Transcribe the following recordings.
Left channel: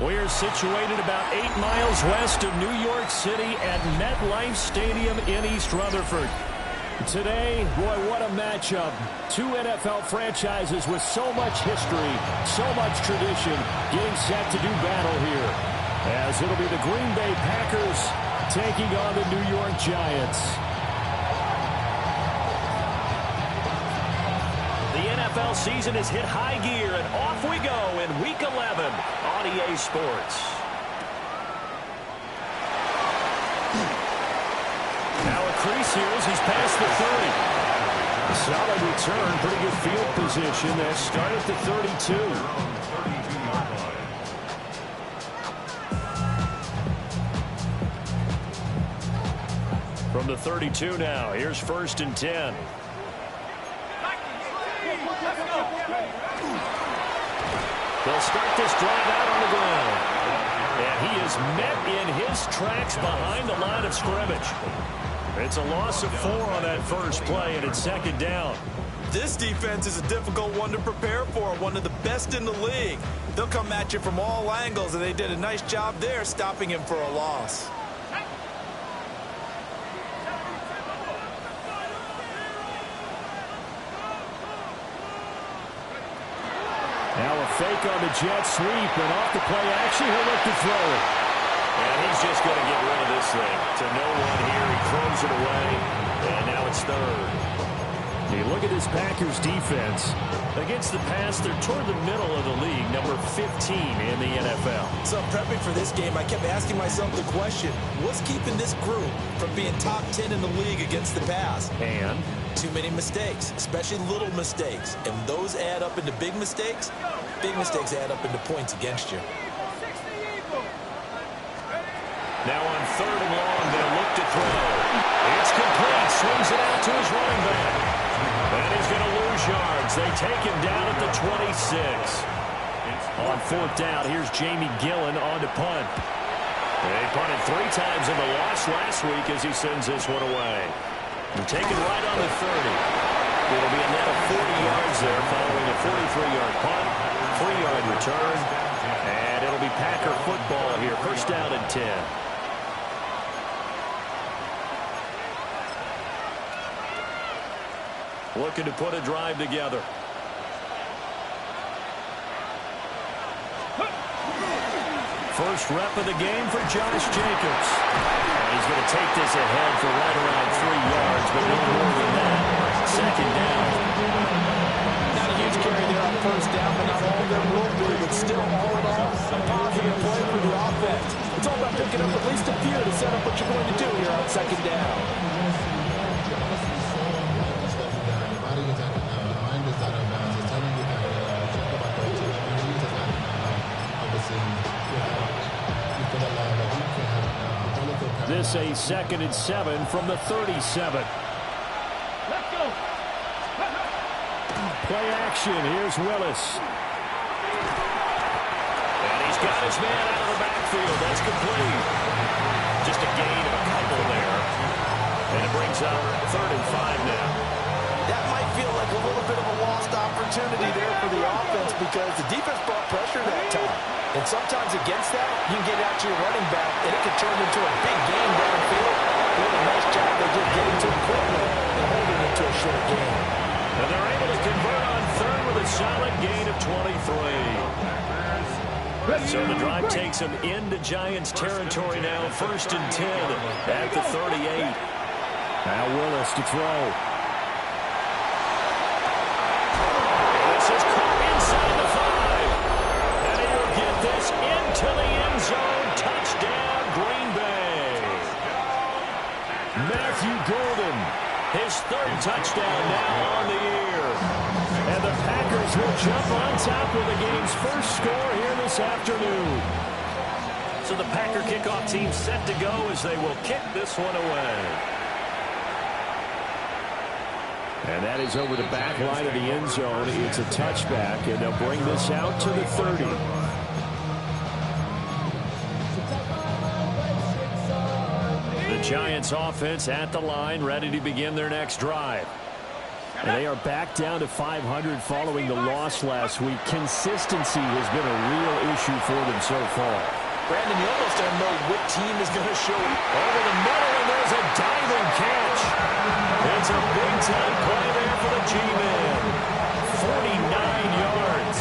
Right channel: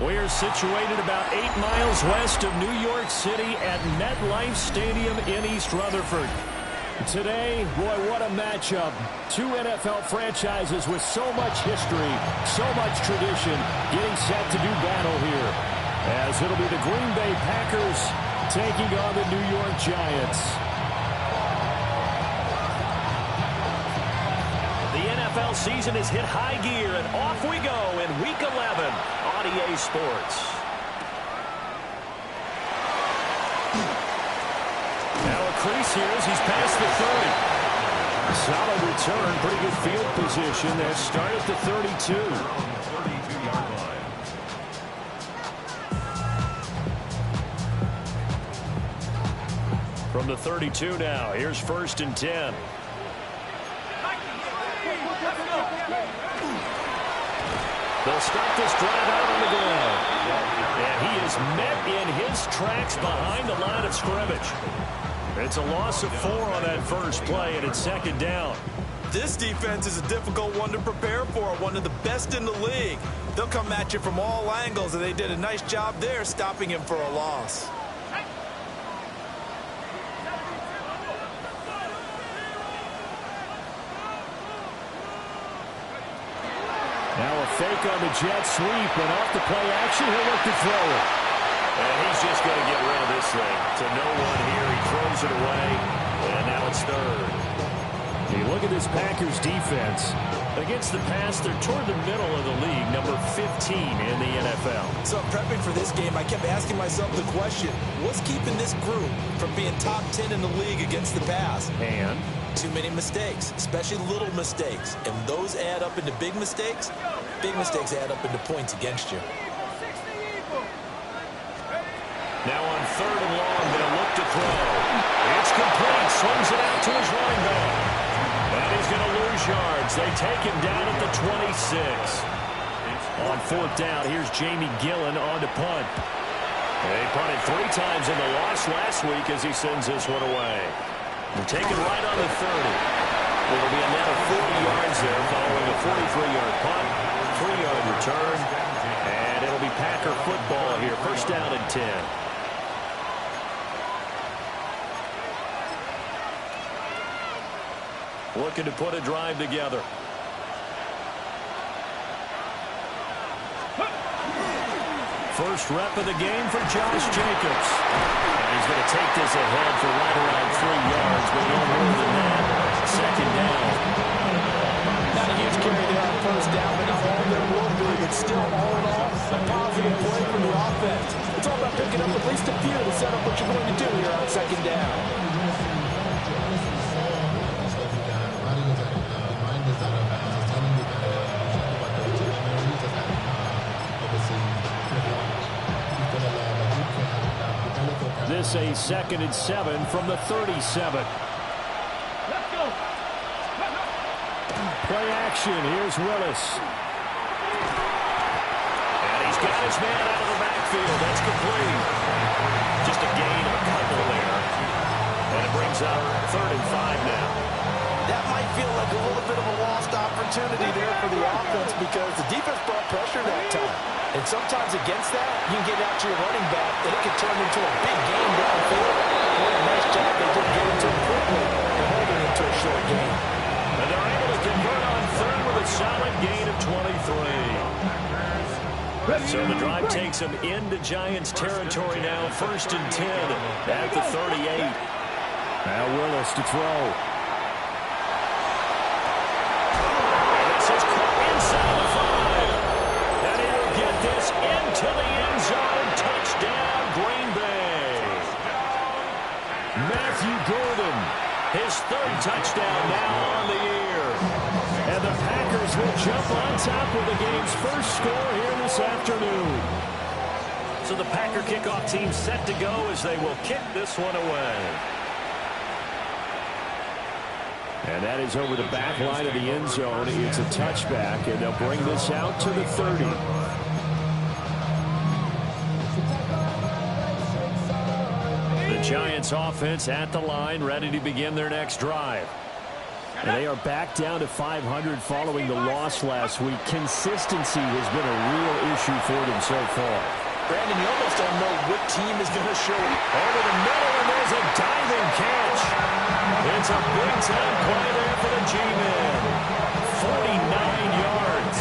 We're situated about 8 miles west of New York City at MetLife Stadium in East Rutherford. Today, boy, what a matchup. Two NFL franchises with so much history, so much tradition, getting set to do battle here. As it'll be the Green Bay Packers taking on the New York Giants. The NFL season has hit high gear, and off we go in Week 11 on EA Sports. Now a crease here as he's past the 30. Solid return, pretty good field position. They start at the 32. From the 32 now, here's 1st and 10. They'll start this drive out on the ground. And he is met in his tracks behind the line of scrimmage. It's a loss of 4 on that first play, and it's 2nd down. This defense is a difficult one to prepare for, one of the best in the league. They'll come at you from all angles, and they did a nice job there stopping him for a loss. Now a fake on the jet sweep, and off the play action, he'll look to throw it. And he's just going to get rid of this thing. To no one here, he throws it away, and now it's 3rd. You look at this Packers defense. Against the pass, they're toward the middle of the league, number 15 in the NFL. So prepping for this game, I kept asking myself the question, what's keeping this group from being top 10 in the league against the pass? And too many mistakes, especially little mistakes. And those add up into big mistakes. Big mistakes add up into points against you. Now on 3rd and long, they'll look to throw. It's complete. Swings it out to his running back. And he's going to lose yards. They take him down at the 26. On 4th down, here's Jamie Gillen on to punt. They punted 3 times in the loss last week as he sends this one away. They're taken right on the 30. It'll be a net of 40 yards there following a 43-yard punt, 3-yard return, and it'll be Packer football here. 1st down and 10. Looking to put a drive together. First rep of the game for Josh Jacobs. And he's going to take this ahead for right around 3 yards, but no more than that. 2nd down. Not a huge carry there on 1st down, but not all there will be. But still, all in all, a positive play for the offense. It's all about picking up at least a few to set up what you're going to do here on 2nd down. This a 2nd and 7 from the 37. Let's go. Play action. Here's Willis. And he's got his man out of the backfield. That's complete. Just a gain of a couple there. And it brings up 3rd and 5 now. That might feel like a little bit of a lost opportunity there for the offense because the defense brought pressure that time. And sometimes against that, you can get out to your running back, and it can turn into a big gain downfield. What a nice job they did getting to him quickly and holding him to a short gain. And they're able to convert on 3rd with a solid gain of 23. So the drive takes them into Giants territory now. 1st and 10 at the 38. Now Willis to throw. This is caught inside the 5. And he will get this into the end zone. Touchdown, Green Bay. Matthew Golden, his 3rd touchdown now on the year. And the Packers will jump on top with the game's first score here this afternoon. So the Packer kickoff team set to go as they will kick this one away. And that is over the back line of the end zone. It's a touchback, and they'll bring this out to the 30. The Giants offense at the line, ready to begin their next drive. And they are back down to 500 following the loss last week. Consistency has been a real issue for them so far. Brandon, you almost don't know what team is going to show up. Over the middle, and there's a diving catch. It's a big-time play there for the G-Men. 49 yards.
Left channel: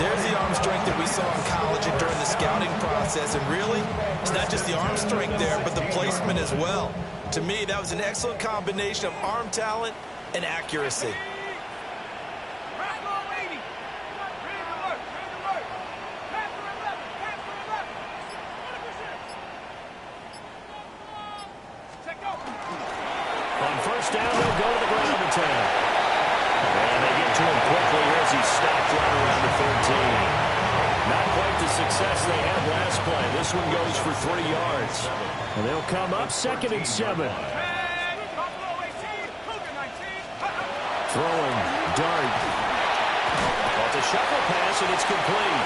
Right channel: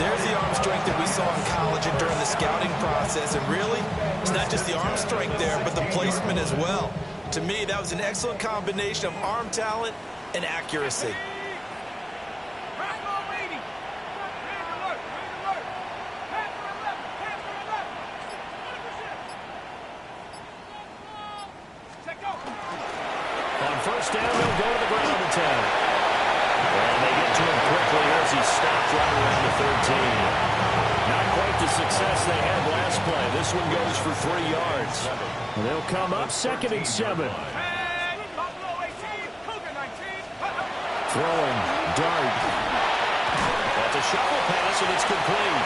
There's the arm strength that we saw in college and during the scouting process. And really, it's not just the arm strength there, but the placement as well. To me, that was an excellent combination of arm talent and accuracy. On first down, they'll go to the ground attack. And they get to him quickly here as he stopped right around the 13. Not quite the success they had last play. This one goes for 3 yards. And they'll come up 2nd and 7. Throwing, Dart. Well, it's a shuffle pass, and it's complete.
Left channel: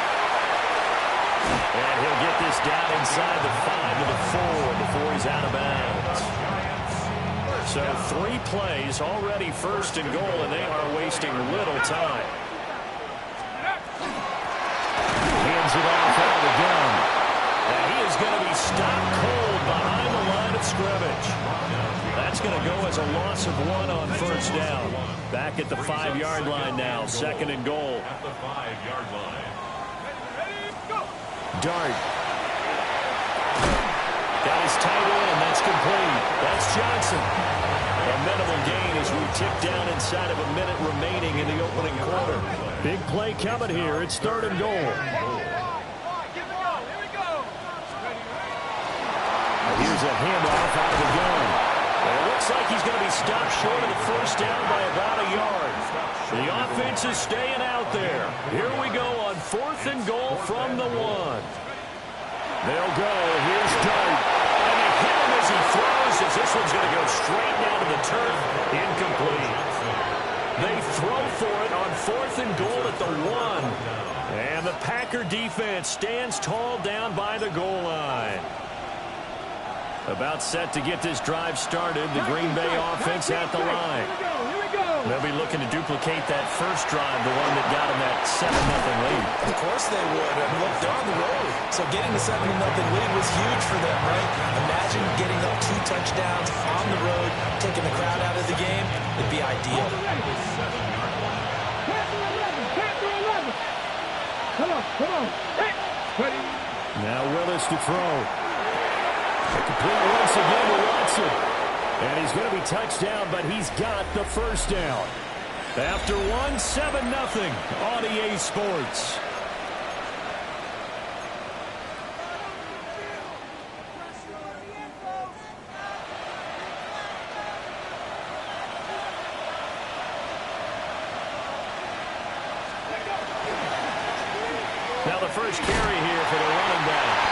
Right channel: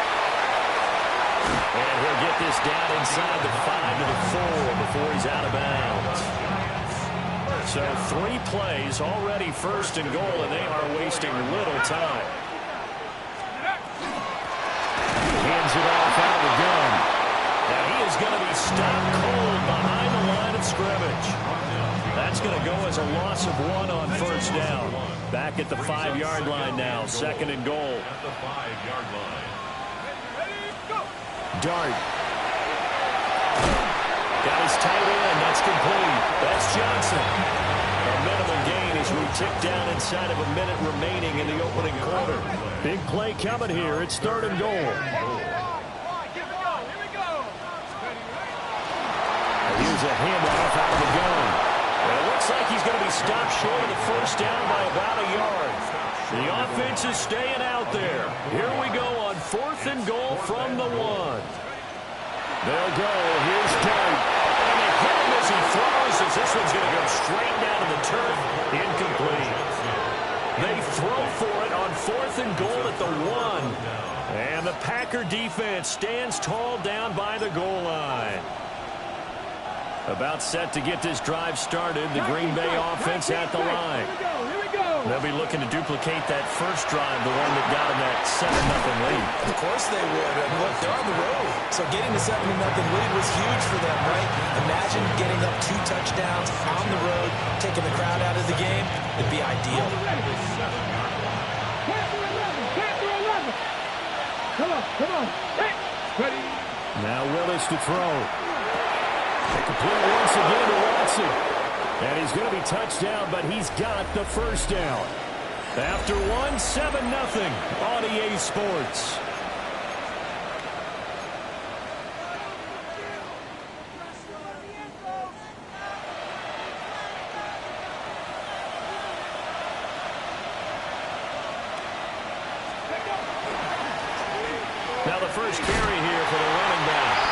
And he'll get this down inside the 5 to the 4 before he's out of bounds. So 3 plays, already 1st and goal, and they are wasting little time. Hands it off out of the gun. And he is going to be stopped cold behind the line of scrimmage. That's going to go as a loss of 1 on first down. Back at the 5-yard line now, 2nd and goal. At the 5-yard line. Dart. Got his tight end. That's complete. That's Johnson. A minimal gain as we tick down inside of a minute remaining in the opening quarter. Big play coming here. It's 3rd and goal. Here's a handoff out of the gun. And it looks like he's going to be stopped short of the first down by about a yard. The offense is staying out there. Here we go on 4th and goal from the 1. They'll go. Here's Dart. And they hit him as he throws, as this one's going to go straight down to the turf. Incomplete. They throw for it on 4th and goal at the 1. And the Packer defense stands tall down by the goal line. About set to get this drive started. The Green Bay offense at the line. They'll be looking to duplicate that first drive, the one that got them that 7-0 lead. Of course they would. I mean, look, they're on the road. So getting the 7-0 lead was huge for them, right? Imagine getting up 2 touchdowns on the road, taking the crowd out of the game. It'd be ideal. Come on. Ready. Now Willis to throw. Complete once again to Watson. And he's going to be touched down, but he's got the first down. After 1, 7-0 on EA Sports. Now the first carry here for the running back.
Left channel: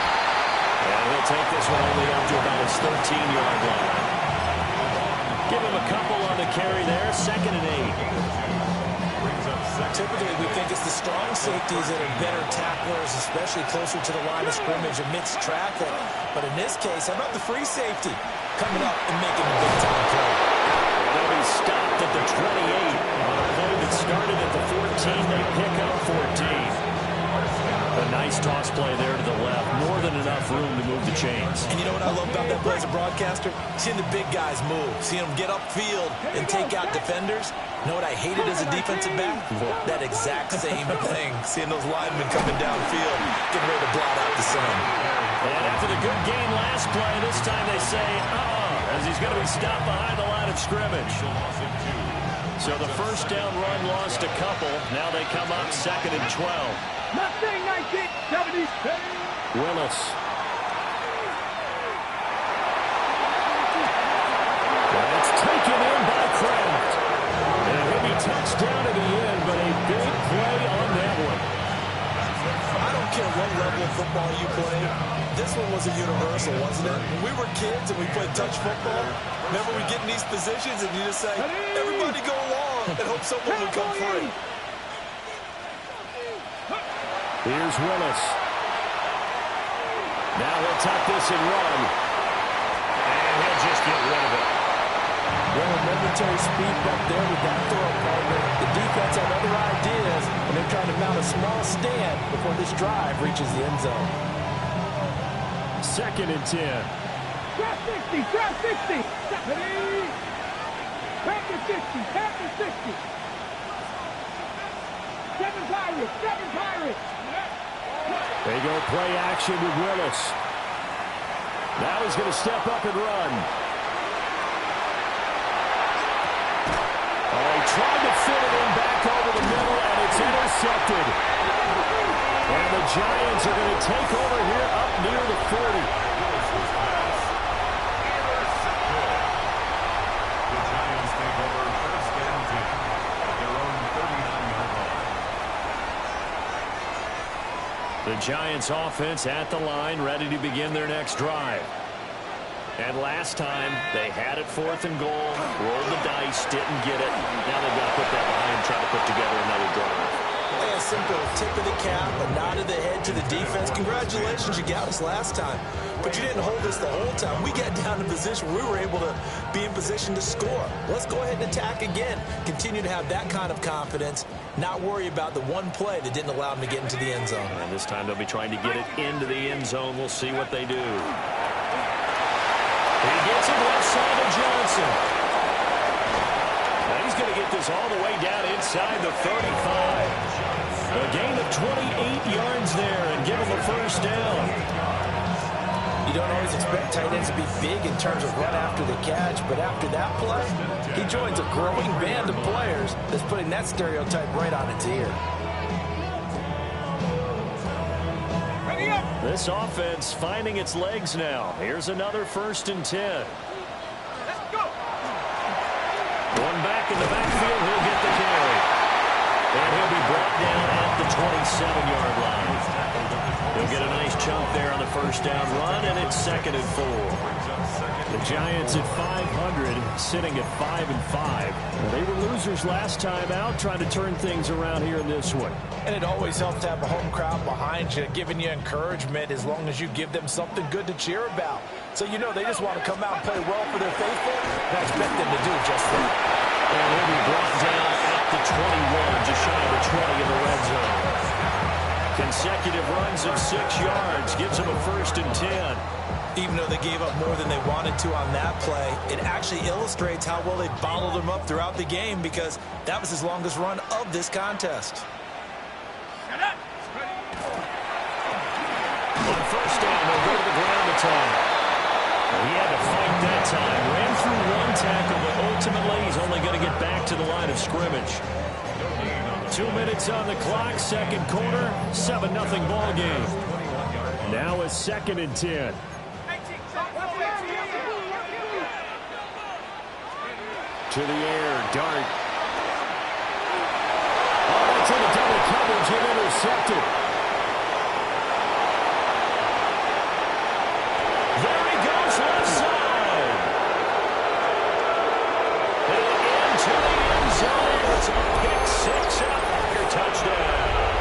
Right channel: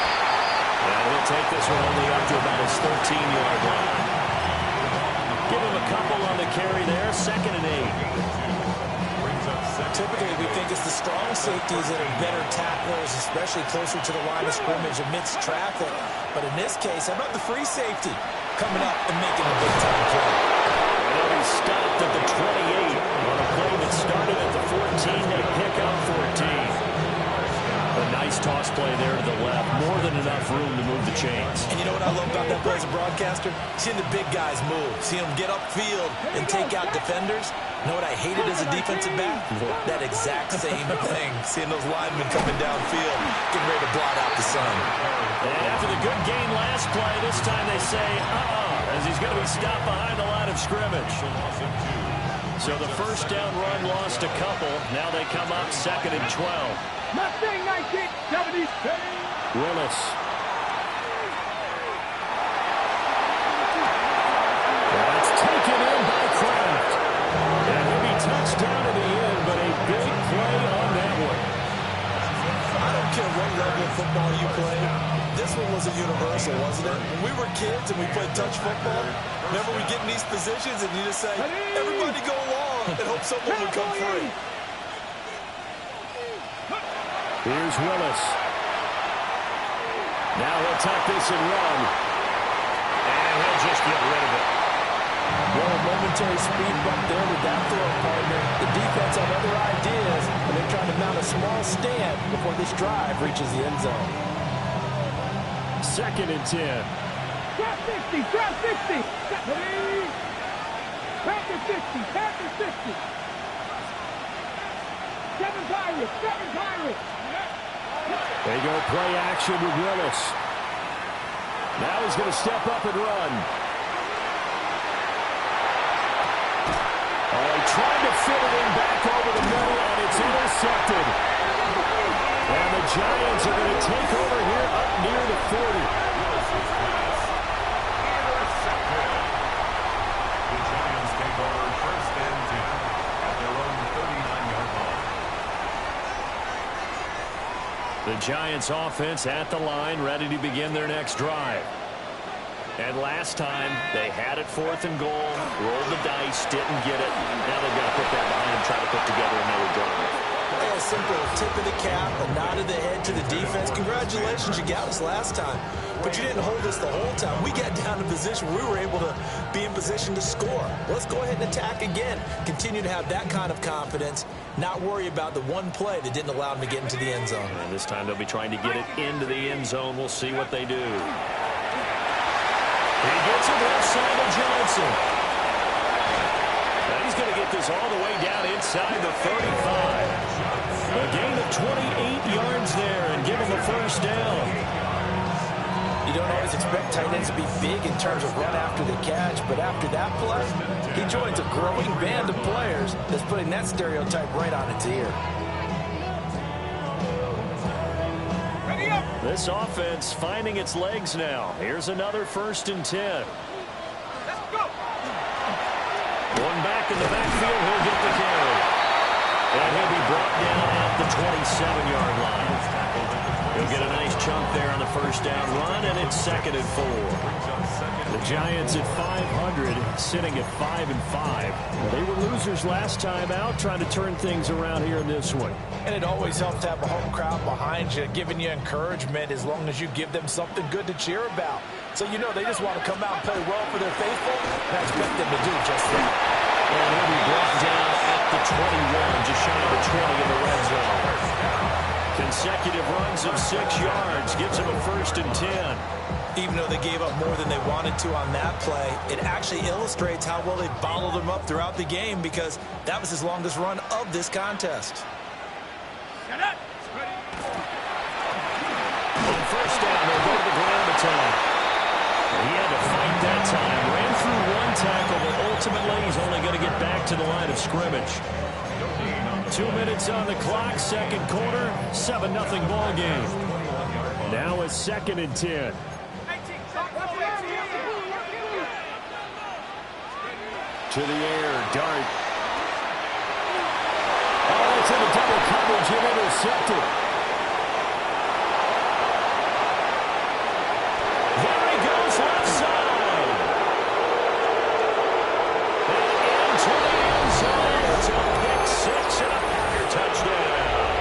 And he'll take this one only up to about his 13-yard line. Give him a couple on the carry there. 2nd and 8. Typically, we think it's the strong safeties that are better tacklers, especially closer to the line of scrimmage amidst traffic. But in this case, how about the free safety coming up and making the big-time play? And they'll be stopped at the 28 on a play that started at the 14. They pick up 14. A nice toss play there to the left. More than enough room to move the chains. And you know what I love about that play as a broadcaster? Seeing the big guys move. Seeing them get upfield and take out defenders. You know what I hated as a defensive back? That exact same thing. Seeing those linemen coming downfield, getting ready to blot out the sun. And after the good gain last play, this time they say, as he's going to be stopped behind the line of scrimmage. So the first down run lost a couple. Now they come up 2nd and 12. Mustang 1970. Willis. That's taken in by Kraft. And he'll be touched down at the end, but a big play on that one. I don't care what level of football you play. This one was a universal, wasn't it? When we were kids and we played touch football, remember we get in these positions and you just say, everybody go along and hope someone would come free. Here's Willis. Now he'll tuck this and run. And he'll just get rid of it. Well, a momentary speed bump there with that throw, partner. The defense had other ideas, and they're trying to mount a small stand before this drive reaches the end zone. 2nd and 10. Trap 60, trap 60. Ready? Trap to 60, trap to 60. 7 Pirates, 7 Pirates. They go play action with Willis. Now he's going to step up and run. Oh, he tried to fit it in back over the middle, and it's intercepted. And the Giants are going to take over here up near the 40. Willis's pass intercepted. The Giants take over 1st and 10 at their own 39-yard line. The Giants offense at the line, ready to begin their next drive. And last time, they had it 4th and goal, rolled the dice, didn't get it. Now they've got to put that behind them, try to put together another drive. A simple tip of the cap, a nod of the head to the defense. Congratulations, you got us last time. But you didn't hold us the whole time. We got down to position where we were able to be in position to score. Let's go ahead and attack again. Continue to have that kind of confidence, not worry about the one play that didn't allow them to get into the end zone. And this time they'll be trying to get it into the end zone. We'll see what they do. He gets it left side of Johnson. Now he's going to get this all the way down inside the 35. A gain of 28 yards there and give him a 1st down. You don't always expect tight ends to be big in terms of run after the catch, but after that play, he joins a growing band of players that's putting that stereotype right on its ear. Ready up. This offense finding its legs now. Here's another 1st and 10. Let's go. One back in the backfield, he'll get the carry. And he'll be brought down at the 27-yard line. He'll get a nice chunk there on the 1st down run, and it's 2nd and 4. The Giants at 500, sitting at 5-5. They were losers last time out, trying to turn things around here in this one. And it always helps to have a home crowd behind you, giving you encouragement as long as you give them something good to cheer about. So you know they just want to come out and play well for their faithful, and I expect them to do just that. And he'll be brought down at the 21, just shy of the 20 in the red zone. Consecutive runs of 6 yards gives him a 1st and 10. Even though they gave up more than they wanted to on that play, it actually illustrates how well they bottled them up throughout the game, because that was his longest run of this contest. Shut up. On 1st down, they'll go to the ground attack. He had to fight that time. Ran through one tackle, but ultimately he's only going to get back to the line of scrimmage. 2 minutes on the clock, 2nd quarter, 7-0 ball game. Now it's 2nd and 10. To the air, Dart. Oh, that's in a double coverage and intercepted. There he goes, left side. And into the end zone. It's a pick 6 and a Packer touchdown.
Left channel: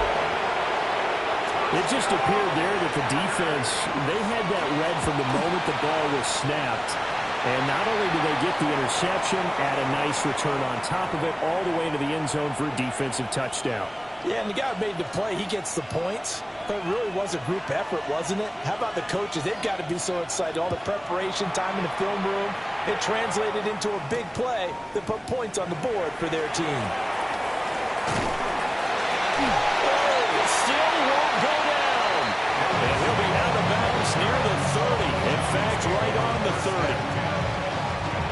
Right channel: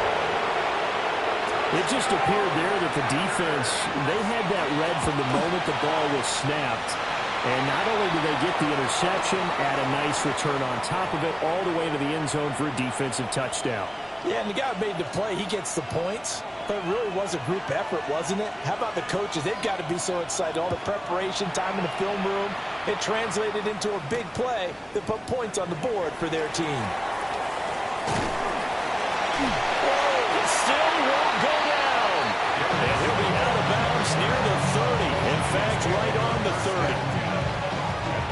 It just appeared there that the defense, they had that read from the moment the ball was snapped. And not only did they get the interception, add a nice return on top of it, all the way to the end zone for a defensive touchdown. Yeah, and the guy who made the play, he gets the points. But it really was a group effort, wasn't it? How about the coaches? They've got to be so excited. All the preparation time in the film room, it translated into a big play that put points on the board for their team. Oh, it still won't go down. And he'll be out of bounds near the 30. In fact, right on the 30.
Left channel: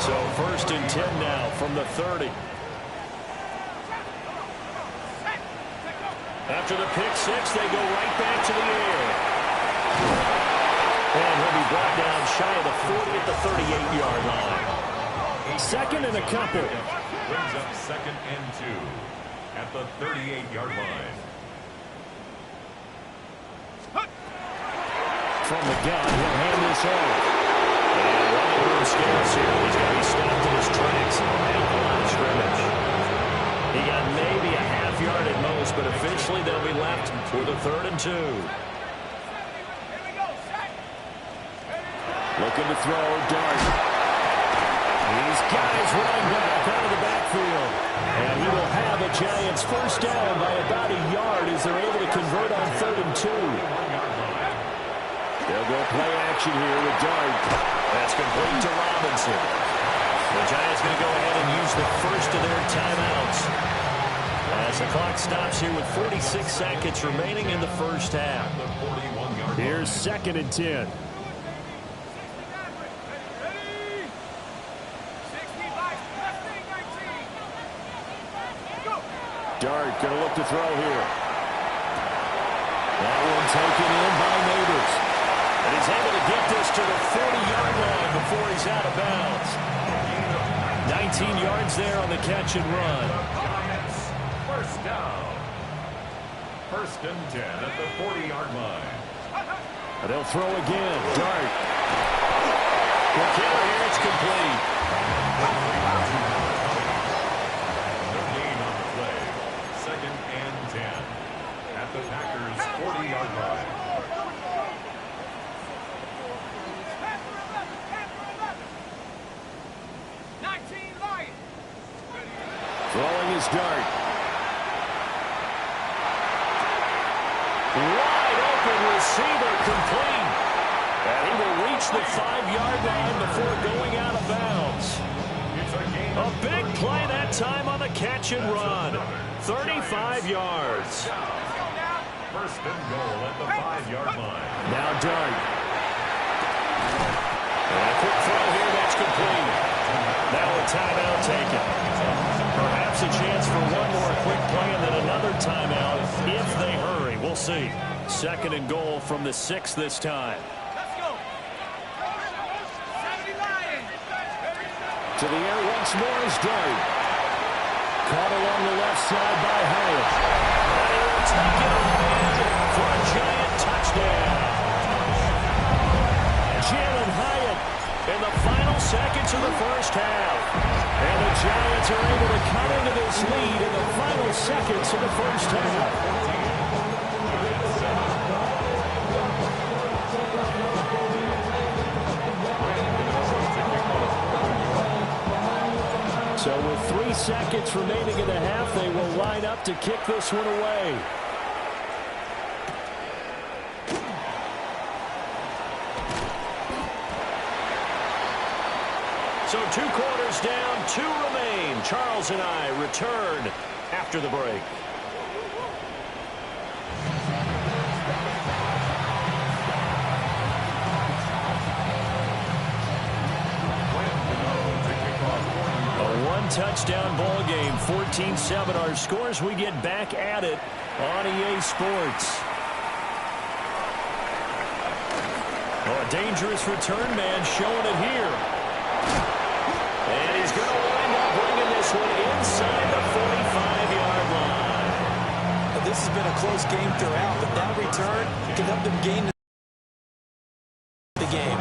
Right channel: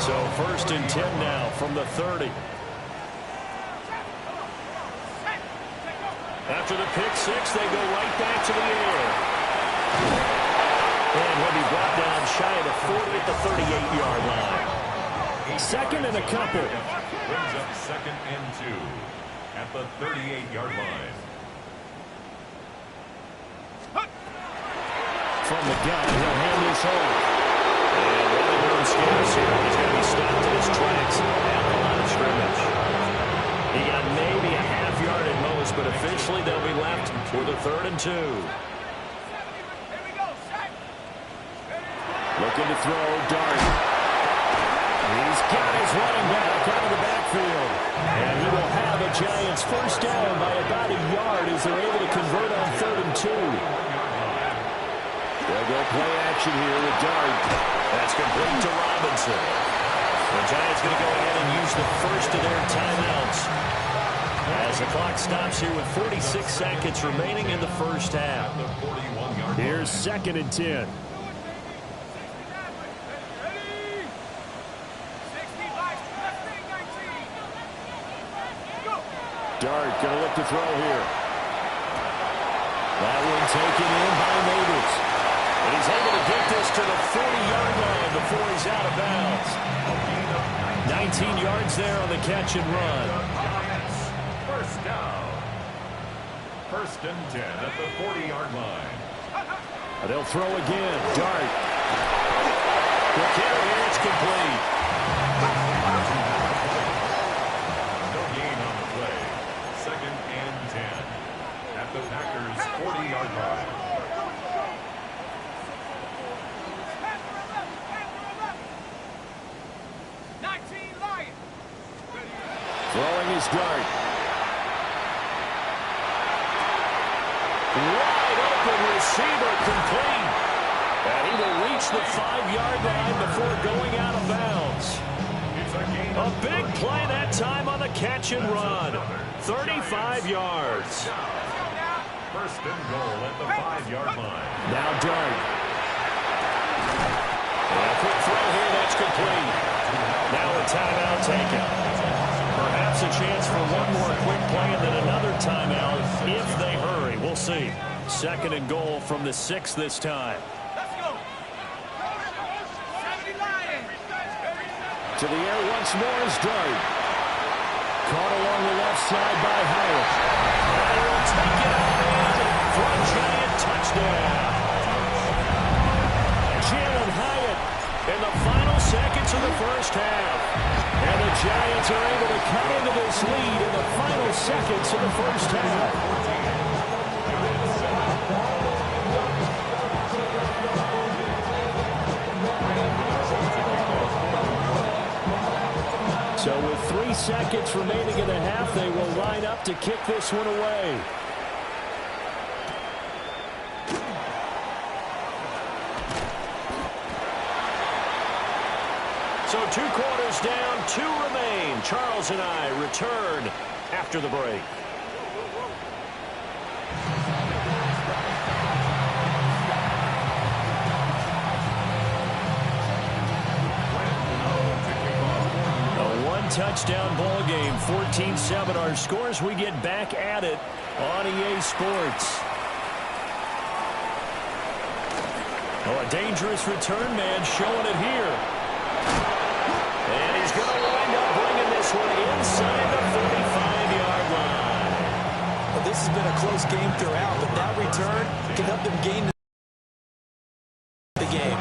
So 1st and 10 now from the 30. After the pick 6, they go right back to the air. And he'll be brought down shy of the 40 at the 38-yard line. 2nd and a couple. Brings up 2nd and 2 at the 38-yard line. From the gun, he'll hand this off. And running room scarce here. He's going to be stopped in his tracks at the line of scrimmage. He got maybe a half yard at most, but officially they'll be left with a 3rd and 2. Looking to throw, Dart. He's got his running back out of the backfield. And he will have a Giants 1st down by about a yard as they're able to convert on 3rd and 2. They'll go play action here with Dart. That's complete to Robinson. The Giants going to go ahead and use the first of their timeouts as the clock stops here with 46 seconds remaining in the first half. Here's 2nd and 10. Dart going to look to throw here. That one taken in by Neighbors. And he's able to get this to the 40-yard line before he's out of bounds. 19 yards there on the catch and run. Giants, first down. 1st and 10 at the 40-yard line. They'll throw again. Dart. The kicker here, it's complete. No gain on the play. 2nd and 10 at the Packers' 40-yard line. Throwing his Dart. Wide open receiver complete. And he will reach the 5-yard line before going out of bounds. A big play that time on the catch and run. 35 yards. 1st and goal at the 5-yard line. Now Dart. And a quick throw here that's complete. Now a timeout taken. Perhaps a chance for one more quick play and then another timeout if they hurry. We'll see. 2nd and goal from the 6 this time. Let's go. 70 Lions. To the air once more is Dart. Caught along the left side by Hyatt. And he will take it on in for a Giant touchdown. Jalen Hyatt in the final seconds of the first half. And the Giants are able to cut into this lead in the final seconds of the first half. So with 3 seconds remaining in the half, they will line up to kick this one away. So 2 quarters down, 2 remain. Charles and I return after the break. A 1-touchdown ball game, 14-7. Our scores, we get back at it on EA Sports. Oh, a dangerous return man showing it here. And he's going to wind up bringing this one inside the 45-yard line. Well, this has been a close game throughout, but that return can help them gain the game.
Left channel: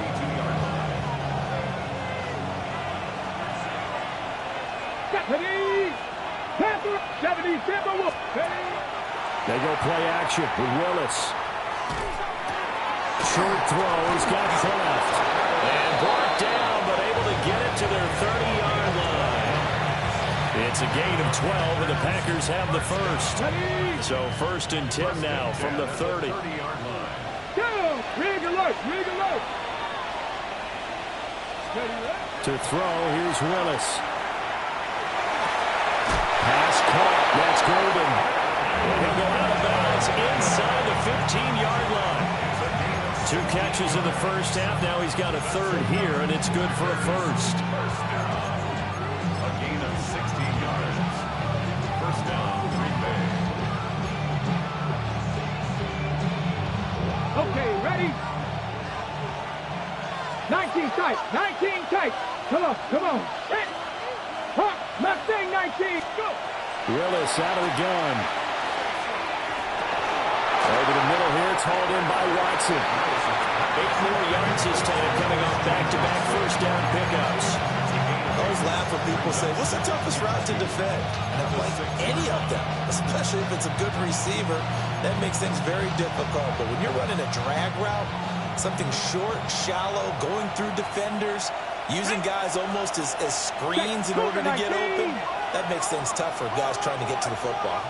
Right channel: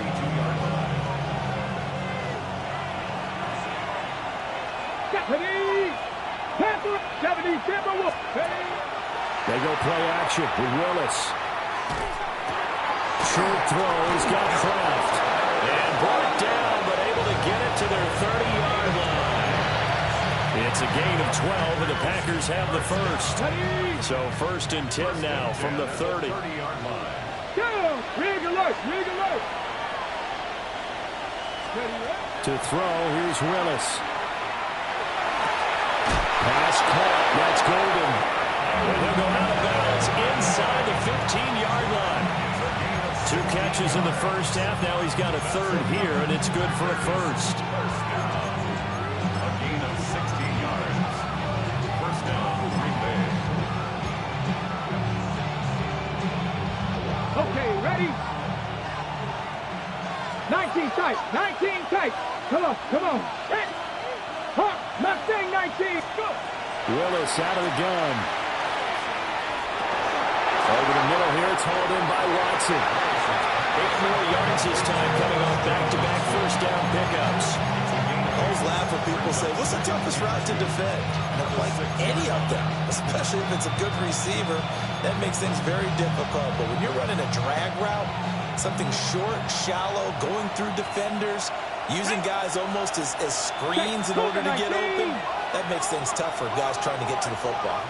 They go play action with Willis. Short throw. He's got Kraft. And brought down, but able to get it to their 30-yard line. It's a gain of 12, and the Packers have the first. So 1st and 10 now from the 30. To throw, here's Willis. Pass caught. That's Golden. And he'll go out of bounds inside the 15-yard line. 2 catches in the first half. Now he's got a 3rd here, and it's good for a first. First down. A gain of 16 yards. First down, Green Bay. Okay, ready? 19 tight, 19 tight. Come on, come on. Hawk, Mustang 19, go. Willis out of the gun. Over the middle here, it's hauled in by Watson. 8 more yards this time, coming off back-to-back first down pickups. I always laugh when people say, what's the toughest route to defend? And I'm like, any of them, especially if it's a good receiver, that makes things very difficult. But when you're running a drag route, something short, shallow, going through defenders, using guys almost as screens in order to get open, that makes things tough for guys trying to get to the football.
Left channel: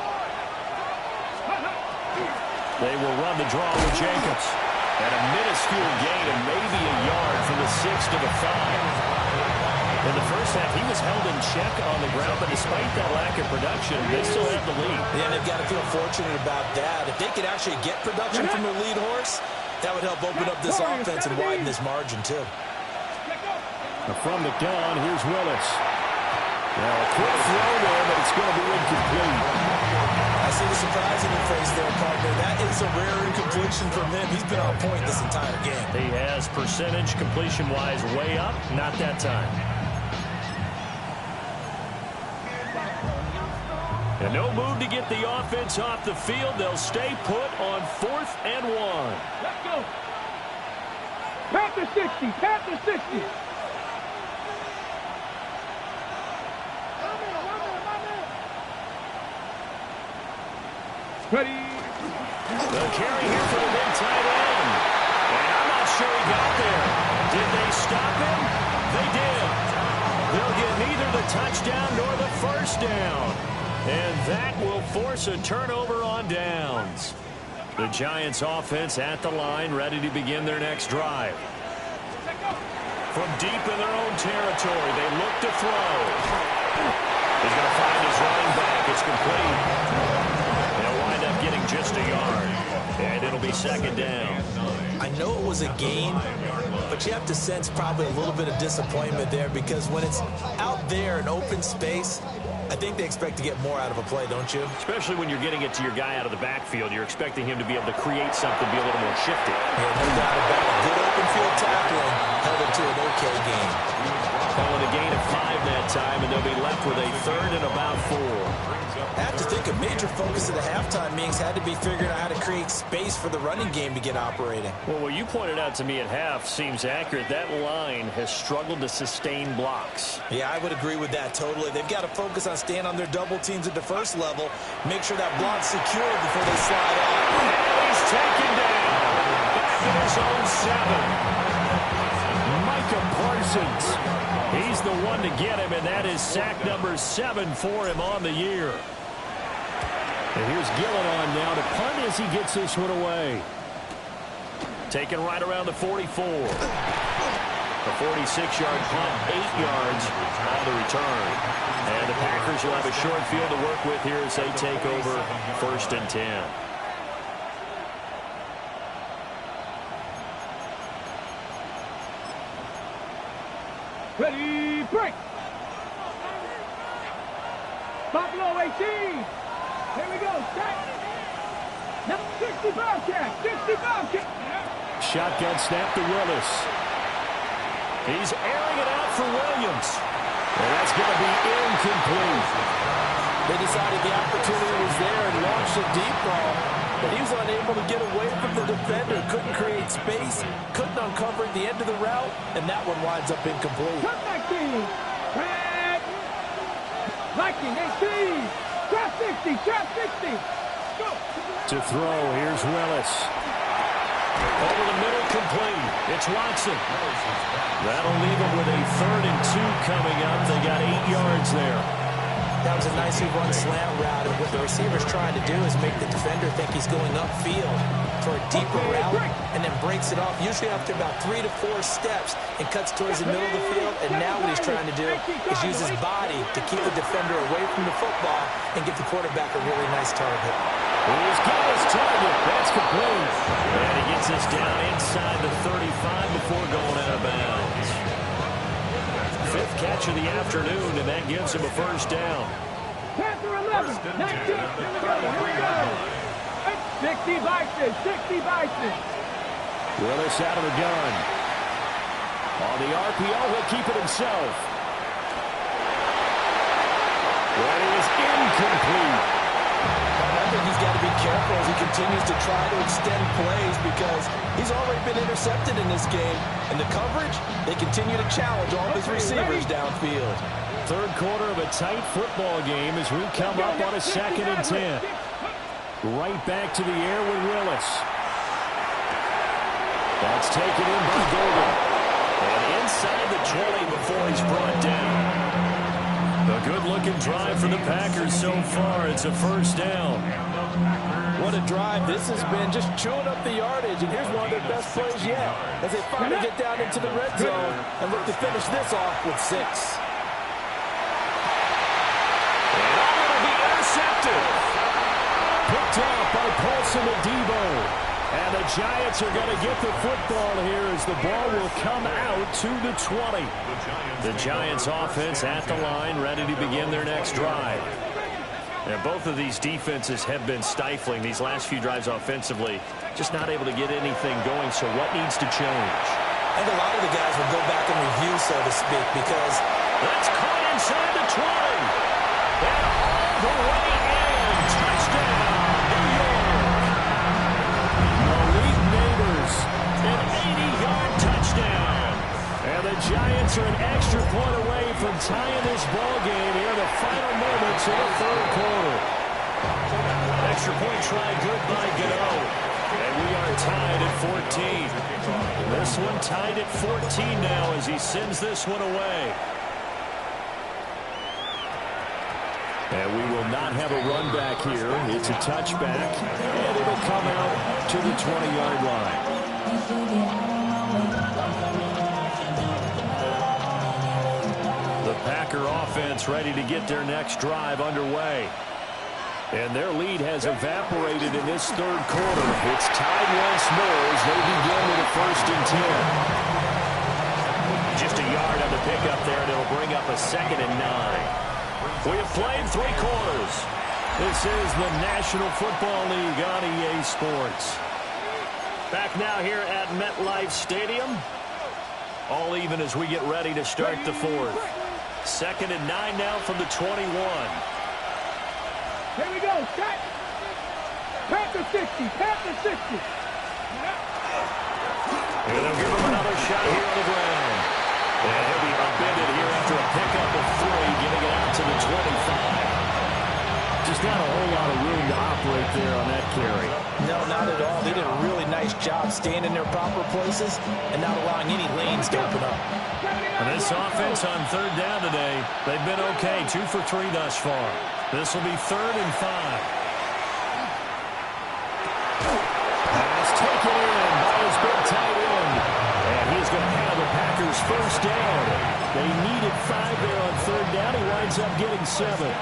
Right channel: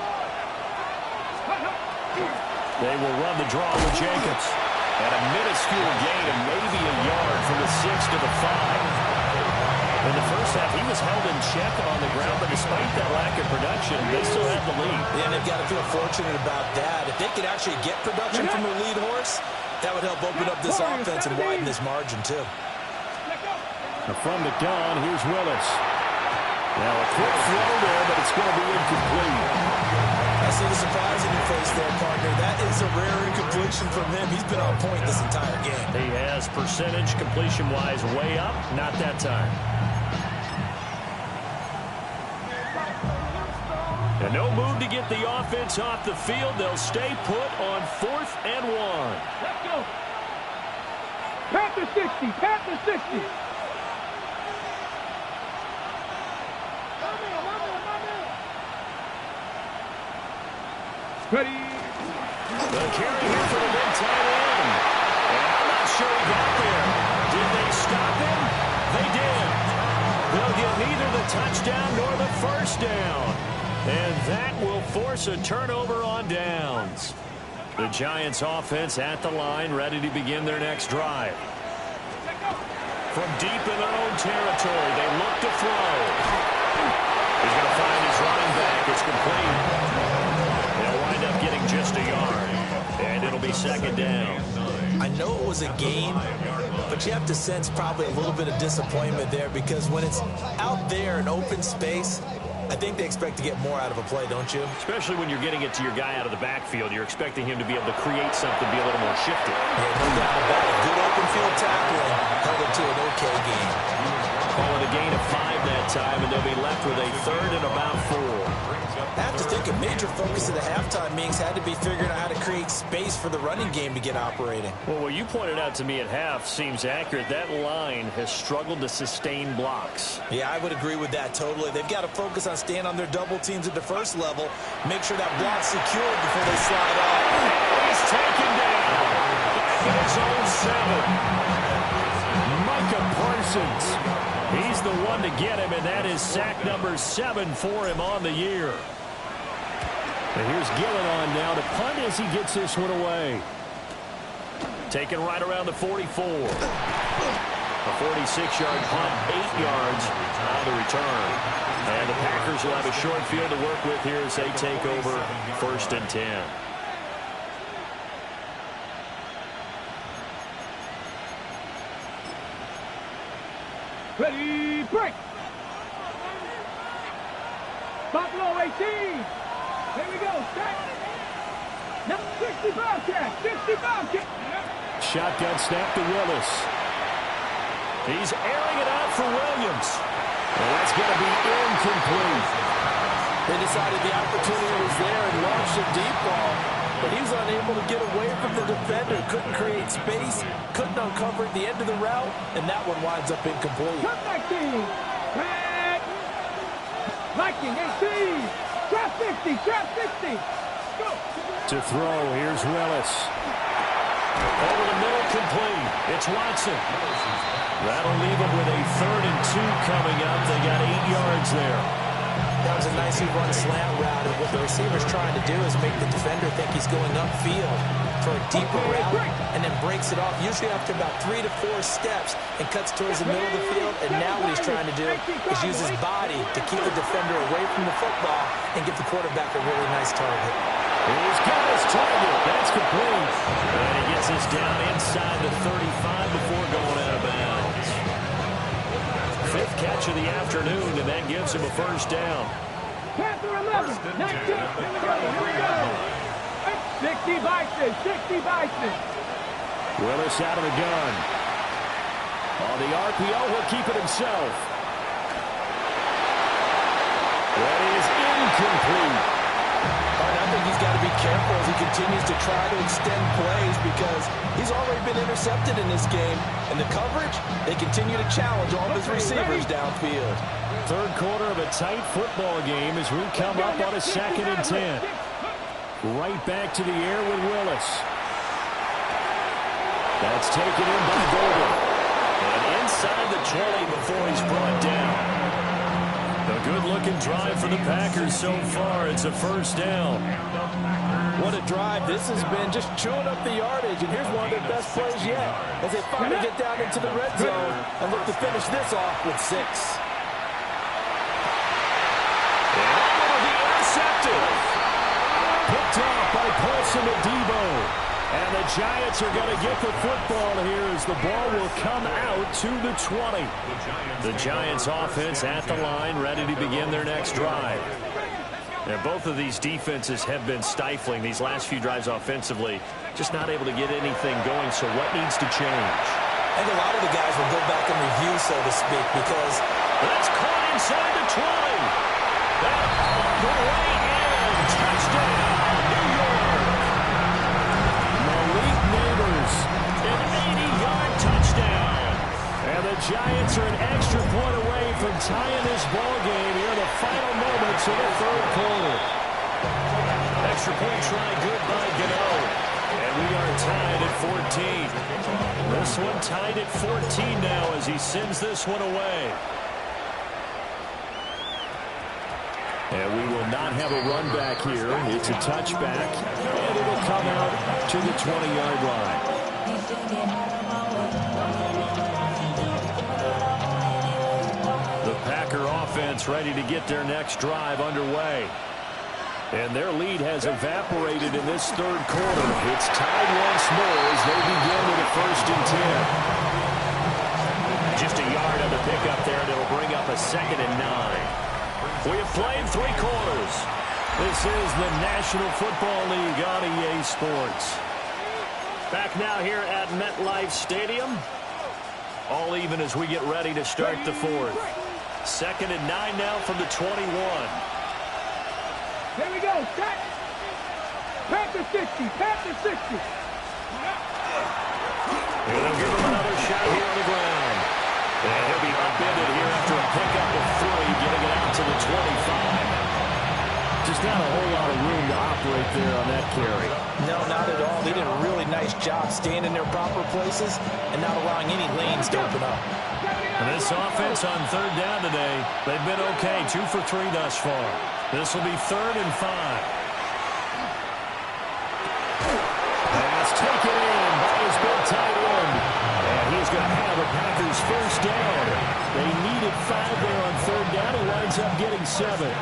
They will run the draw with Jacobs. And a minuscule gain of maybe a yard from the 6 to the 5. In the first half, he was held in check on the ground, but despite that lack of production, they still have the lead. Yeah, and they've got to feel fortunate about that. If they could actually get production from their lead horse, that would help open up this offense and widen this margin, too. From the gun, here's Willis. Now a quick throw there, but it's going to be incomplete. I see the surprise in your face there, partner. That is a rare incompletion from him. He's been on point this entire game. He has percentage completion-wise way up, not that time. And no move to get the offense off the field. They'll stay put on 4th and 1. Let's go. Panther 60. Panther 60. Ready. The carry here for the mid-tight end. And I'm not sure he got there. Did they stop him? They did. They'll get neither the touchdown nor the first down. And that will force a turnover on downs. The Giants offense at the line, ready to begin their next drive. From deep in their own territory, they look to throw. He's going to find his running back. It's complete. They'll wind up getting just a yard. And it'll be second down. I know it was a gain, but you have to sense probably a little bit of disappointment there because when it's out there in open space, I think they expect to get more out of a play, don't you? Especially when you're getting it to your guy out of the backfield. You're expecting him to be able to create something, be a little more shifty. Yeah, no doubt about it. Good open field tackling held it to an okay game. Call it a gain of 5 that time, and they'll be left with a 3rd and about 4. I have to think a major focus of the halftime meetings had to be figuring out how to create space for the running game to get operating. Well, what you pointed out to me at half seems accurate. That line has struggled to sustain blocks. Yeah, I would agree with that totally. They've got to focus on staying on their double teams at the first level, make sure that block's secured before they slide off. And he's taken down. Back in his own 7. Micah Parsons. He's the one to get him, and that is sack number 7 for him on the year. And here's Gillen on now to punt as he gets this one away. Taken right around the 44. A 46-yard punt, 8 yards on the return. And the Packers will have a short field to work with here as they take over 1st and 10. Ready, break. Buffalo 18. Here we go. Set. Now 65 catch. 65 catch. Shotgun snap to Willis. He's airing it out for Williams. And that's going to be incomplete. They decided the opportunity was there and launched a deep ball, but he was unable to get away from the defender. Couldn't create space, couldn't uncover at the end of the route, and that one winds up incomplete. Cut 19. Red. Viking 18. Trap 60. Trap 60. Go. To throw, here's Willis. Over the middle, complete. It's Watson. That'll leave them with a 3rd and 2 coming up. They got 8 yards there. That was a nicely run slant route, and what the receiver's trying to do is make the defender think he's going upfield for a deeper route, and then breaks it off, usually after about 3 to 4 steps, and cuts towards the middle of the field. And now what he's trying to do is use his body to keep the defender away from the football and give the quarterback a really nice target. He's got his target. That's complete. And he gets this down inside the 35 before going out of bounds. 5th catch of the afternoon, and that gives him a first down. Panther 11. 19. Here we go. Here we go. 60 Bison. 60 Bison. Willis out of the gun. On the RPO, he'll keep it himself. That is incomplete. I think he's got to be careful as he continues to try to extend plays because he's already been intercepted in this game. And the coverage, they continue to challenge all of his receivers downfield. 3rd quarter of a tight football game as we come up on a 2nd and 10. Right back to the air with Willis. That's taken in by Golden. And inside the 20 before he's brought down. A good looking drive for the Packers so far. It's a first down. What a drive this has been, just chewing up the yardage. And here's one of their best plays yet as they finally get down into the red zone and look to finish this off with 6. And it'll be intercepted. Picked off by Paulson Adebo. And the Giants are going to get the football here as the ball will come out to the 20. The Giants offense at the line, ready to begin their next drive. And both of these defenses have been stifling these last few drives offensively. Just not able to get anything going, so what needs to change? I think a lot of the guys will go back and review, so to speak, because that's caught inside the 20. And all the way in. Touchdown, New York. Malik Neighbors, an 80-yard touchdown. And the Giants are an extra point away from tying this ball game here in the final moments of the third quarter. Extra point try good by Gano. And we are tied at 14. This one tied at 14 now as he sends this one away. And we will not have a run back here. It's a touchback, and it'll come out to the 20-yard line. The Packer offense ready to get their next drive underway. And their lead has evaporated in this third quarter. It's tied once more as they begin with a 1st and 10. Just a yard on the pickup there, and it'll bring up a 2nd and 9. We have played 3 quarters. This is the National Football League on EA Sports. Back now here at MetLife Stadium. All even as we get ready to start the 4th. 2nd and 9 now from the 21. Here we go, set. Panther 60, Panther 60. And they'll give him another shot here on the ground. And he'll be upended here after a pickup of 3, getting it out to the 25. Just not a whole lot of room to operate there on that carry. No, not at all. They did a really nice job staying in their proper places and not allowing any lanes to open up. And this offense on 3rd down today, they've been okay. 2 for 3 thus far. This will be 3rd and 5. Pass taken in by his big tight end. And he's going to have a Packers 1st down. They needed 5 there on 3rd down. He winds up getting 7.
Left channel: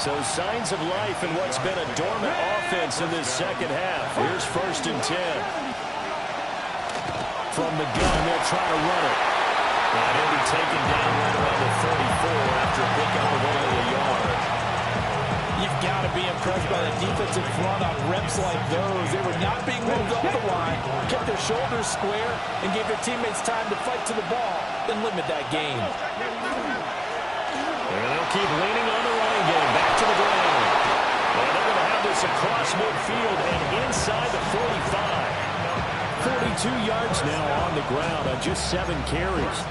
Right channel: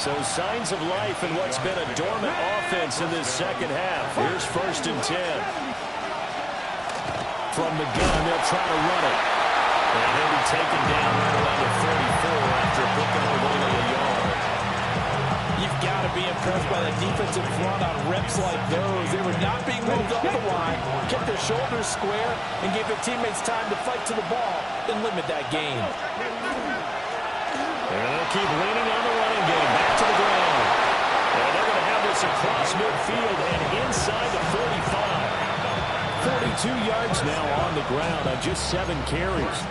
So signs of life in what's been a dormant offense in this second half. Here's 1st and 10. From the gun, they'll try to run it. And he'll be taken down right around the 34 after a pickup of only a yard. You've got to be impressed by the defensive front on reps like those. They were not being moved off the line, kept their shoulders square, and gave their teammates time to fight to the ball, then limit that gain. And they'll keep leaning on the running game. Back to the ground. And they're going to have this across midfield and inside the 45. 42 yards now on the ground on just 7 carries.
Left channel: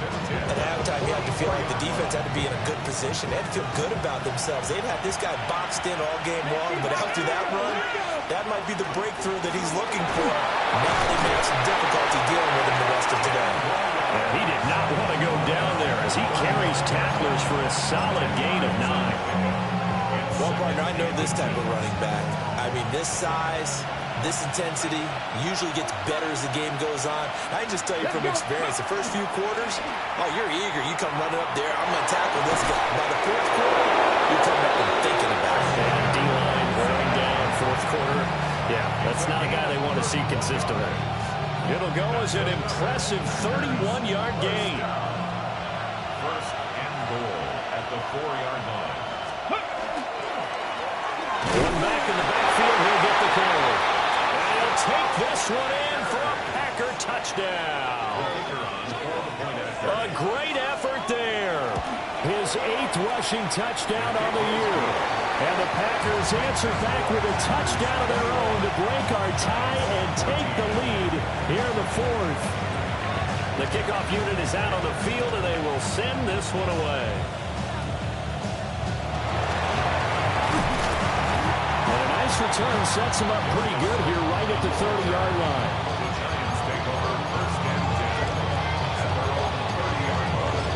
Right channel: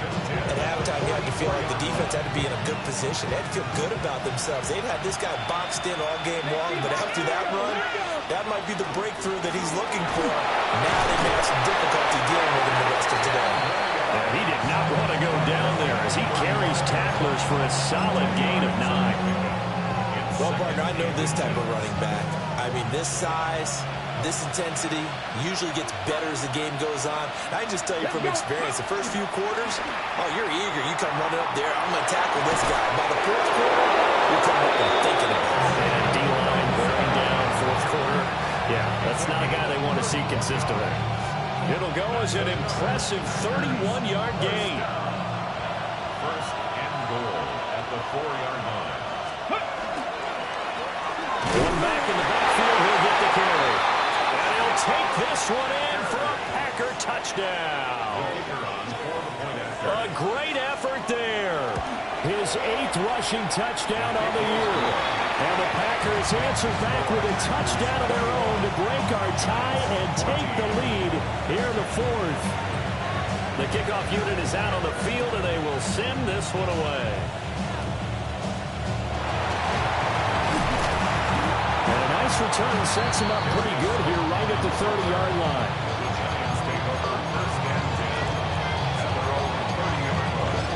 At halftime, you had to feel like the defense had to be in a good position. They had to feel good about themselves. They'd had this guy boxed in all game long, but after that run, that might be the breakthrough that he's looking for. Now they may have some difficulty dealing with him the rest of today. Yeah, he did not want to go down there as he carries tacklers for a solid gain of 9. Well, partner, I know this type of running back. I mean, this size, this intensity usually gets better as the game goes on. I can just tell you from experience, the first few quarters, oh, you're eager. You come running up there, I'm going to tackle this guy. By the 4th quarter, you're coming up and thinking about it. And D-line burning down 4th quarter. Yeah, that's not a guy they want to see consistently. It'll go as an impressive 31-yard gain. 1st and goal at the 4-yard line. One back in the backfield, he'll get the carry. And he'll take this one in for a Packer touchdown. A great effort there. His 8th rushing touchdown on the year. And the Packers answer back with a touchdown of their own to break our tie and take the lead here in the 4th. The kickoff unit is out on the field, and they will send this one away. And a nice return sets him up pretty good here right at the 30-yard line. The Giants take over 1st and 10 at their own 30-yard line.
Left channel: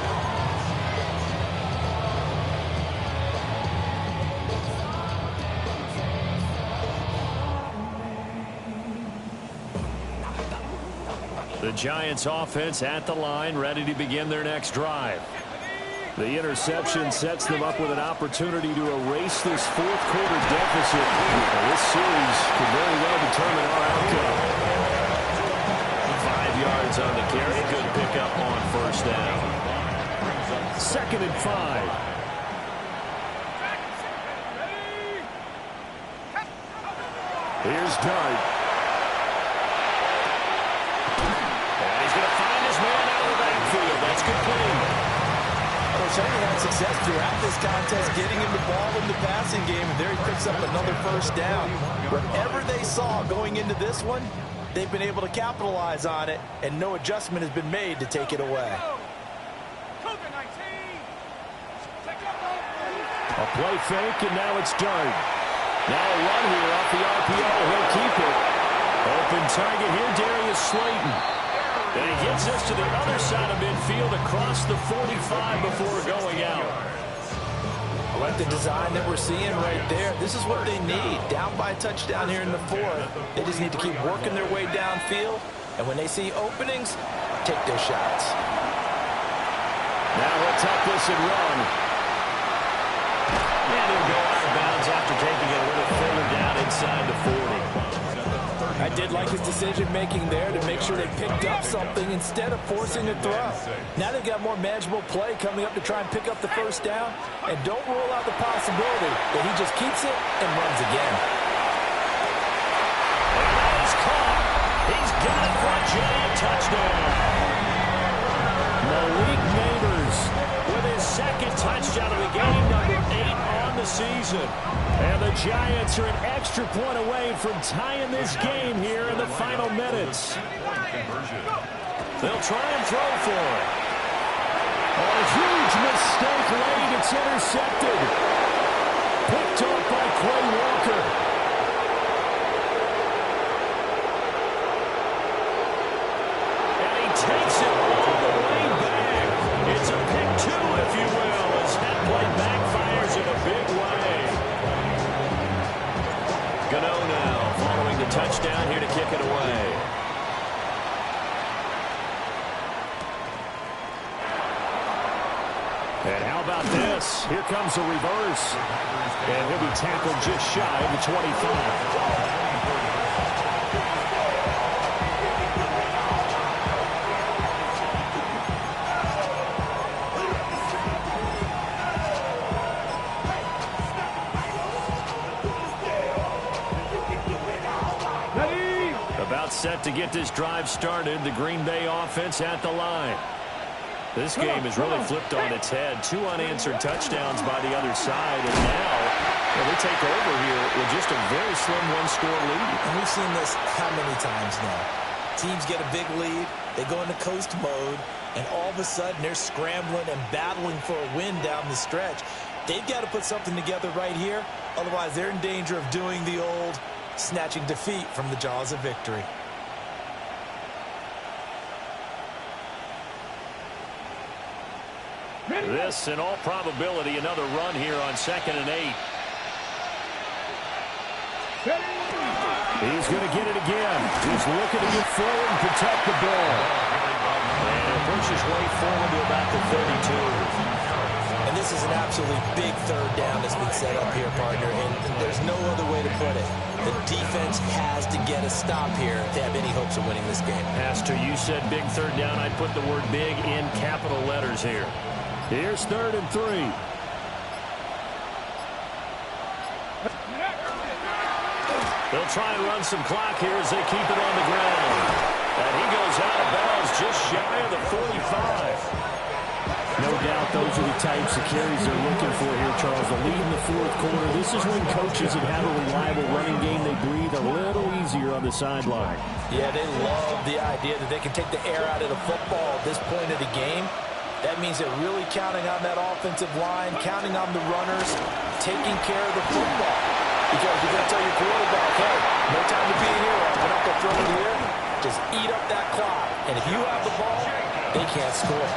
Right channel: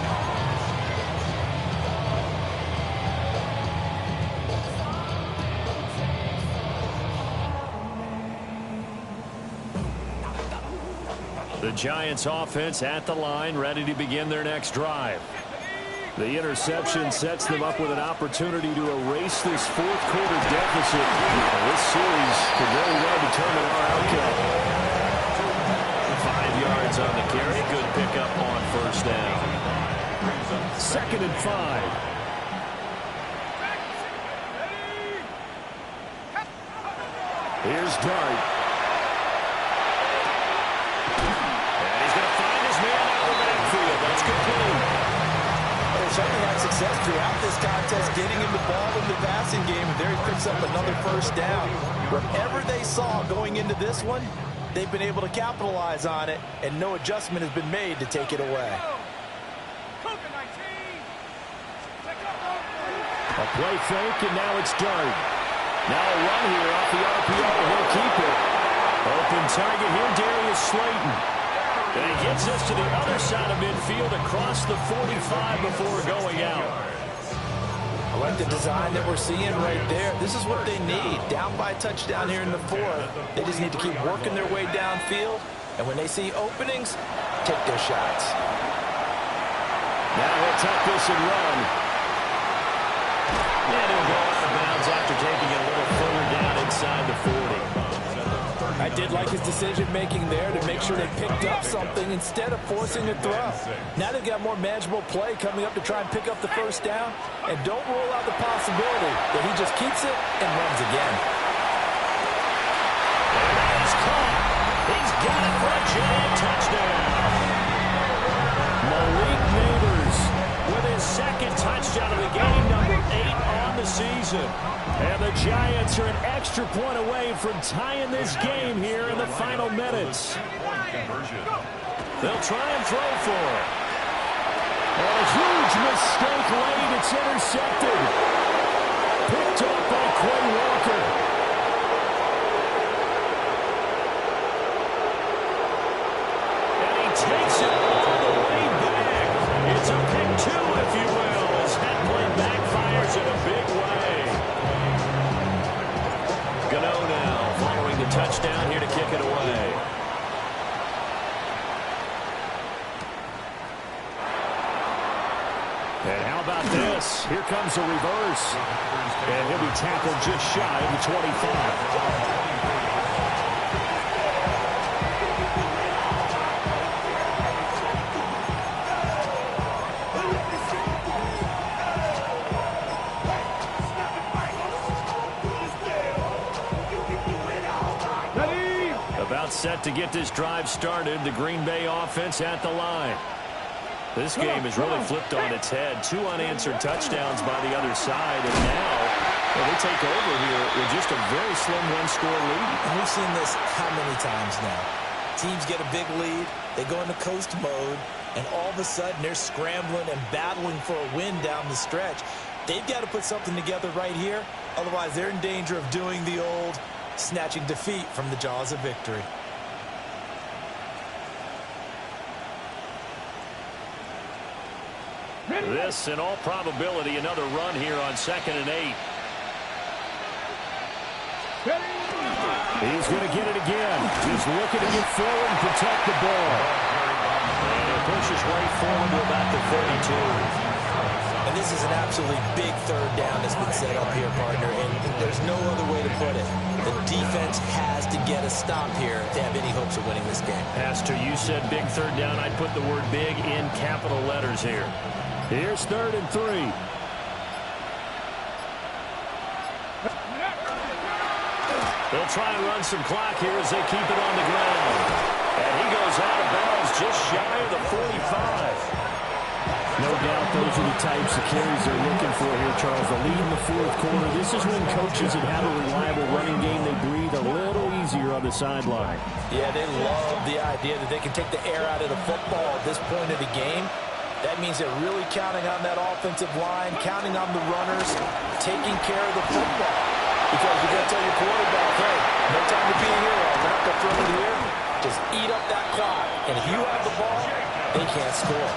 The Giants offense at the line, ready to begin their next drive. The interception sets them up with an opportunity to erase this fourth quarter deficit. And this series could very well determine our outcome. 5 yards on the carry. Good pickup on first down. 2nd and 5. Here's Dart. And he's going to find his man out of the backfield. That's complete. They certainly had success throughout this contest getting him the ball in the passing game, and there he picks up another first down. Whatever they saw going into this one, they've been able to capitalize on it, and no adjustment has been made to take it away. A play fake, and now it's Dart. Now a run here off the RPO. He'll keep it. Open target here, Darius Slayton. And he gets this to the other side of midfield across the 45 before going out. I like the design that we're seeing right there. This is what they need. Down by a touchdown here in the fourth. They just need to keep working their way downfield. And when they see openings, take their shots. Now he'll tuck this and run. And he'll go out of bounds after taking it a little further down inside the 40. I did like his decision-making there to make sure they picked up something instead of forcing a throw. Now they've got more manageable play coming up to try and pick up the first down. And don't rule out the possibility that he just keeps it and runs again. And that is caught. He's got it for a giant touchdown. Malik Neighbors with his second touchdown of the game, number 8 on the season. And the Giants are an extra point away from tying this game here in the final minutes. They'll try and throw for it. On a huge mistake late, it's intercepted. Picked off by Quay Walker. And he takes it all the way back. It's a pick 2, if you will, as that play backfires in a big way. Gano now following the touchdown here to kick it away. And how about this? Here comes a reverse. And he'll be tackled just shy of the 25. About set to get this drive started. The Green Bay offense at the line. This game has really flipped on its head. 2 unanswered touchdowns by the other side. And now they take over here with just a very slim one-score lead. And we've seen this how many times now? Teams get a big lead. They go into coast mode. And all of a sudden, they're scrambling and battling for a win down the stretch. They've got to put something together right here. Otherwise, they're in danger of doing the old snatching defeat from the jaws of victory. This, in all probability, another run here on 2nd and 8. He's going to get it again. Just looking to get forward and protect the ball. And he'll push his way forward to about the 32. And this is an absolutely big third down that's been set up here, partner, and there's no other way to put it. The defense has to get a stop here to have any hopes of winning this game. Pastor, you said big third down. I'd put the word big in capital letters here. Here's 3rd and 3. They'll try and run some clock here as they keep it on the ground. And he goes out of bounds just shy of the 45. No doubt those are the types of carries they're looking for here, Charles. The lead in the fourth quarter. This is when coaches that have a reliable running game, they breathe a little easier on the sideline. Yeah, they love the idea that they can take the air out of the football at this point of the game. That means they're really counting on that offensive line, counting on the runners, taking care of the football. Because you're going to tell your quarterback, hey, no time to be a hero. We're not going to throw it here. Just eat up that clock. And if you have the ball, they can't score.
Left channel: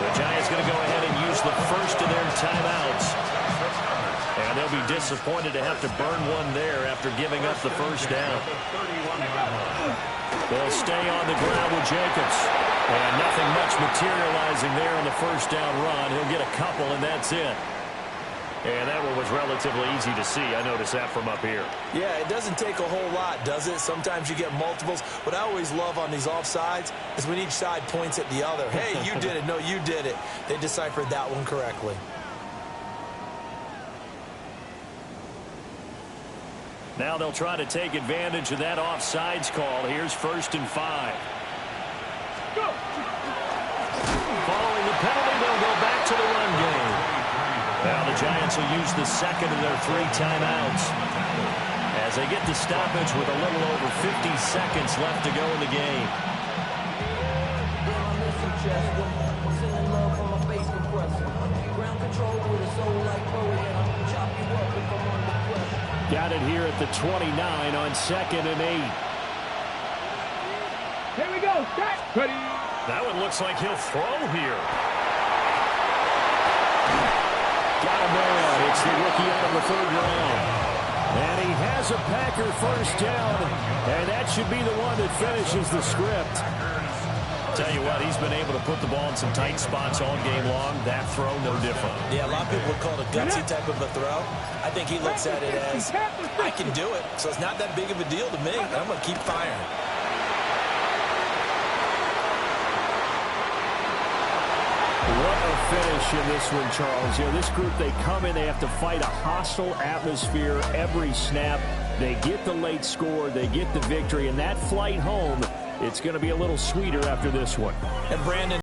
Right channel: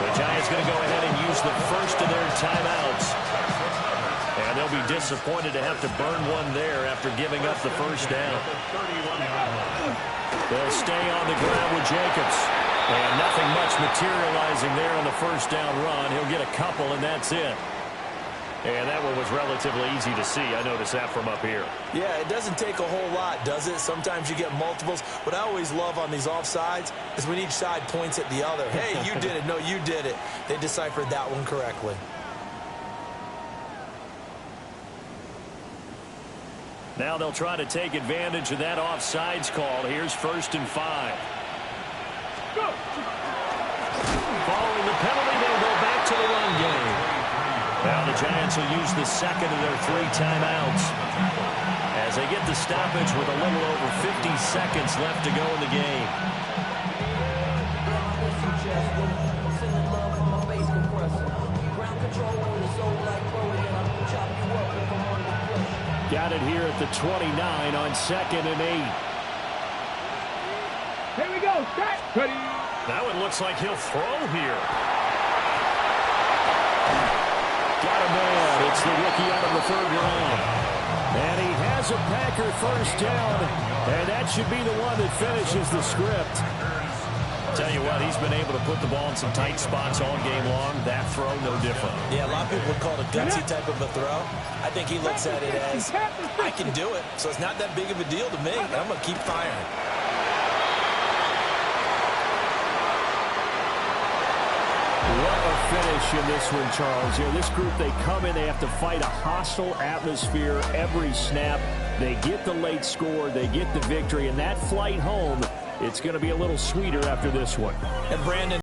The Giants going to go ahead and use the first of their timeouts. And they'll be disappointed to have to burn one there after giving up the first down. They'll stay on the ground with Jacobs. And nothing much materializing there on the first down run. He'll get a couple, and that's it. And that one was relatively easy to see. I noticed that from up here. Yeah, it doesn't take a whole lot, does it? Sometimes you get multiples. What I always love on these offsides is when each side points at the other. Hey, you did it. No, you did it. They deciphered that one correctly. Now they'll try to take advantage of that offsides call. Here's 1st and 5. Go. Following the penalty, they'll go back to the run game. Now the Giants will use the second of their 3 timeouts as they get the stoppage with a little over 50 seconds left to go in the game. Got it here at the 29 on 2nd and 8. Here we go. Set. Ready. That one looks like he'll throw here. Got a man. It's the rookie out of the 3rd round. And he has a Packer first down. And that should be the one that finishes the script. Tell you what, he's been able to put the ball in some tight spots all game long. That throw, no different. Yeah, a lot of people would call it a gutsy type of a throw. I think he looks at it as, I can do it, so it's not that big of a deal to me. I'm going to keep firing. What a finish in this one, Charles. You know, this group, they come in, they have to fight a hostile atmosphere every snap. They get the late score, they get the victory, and that flight home, it's going to be a little sweeter after this one. And Brandon,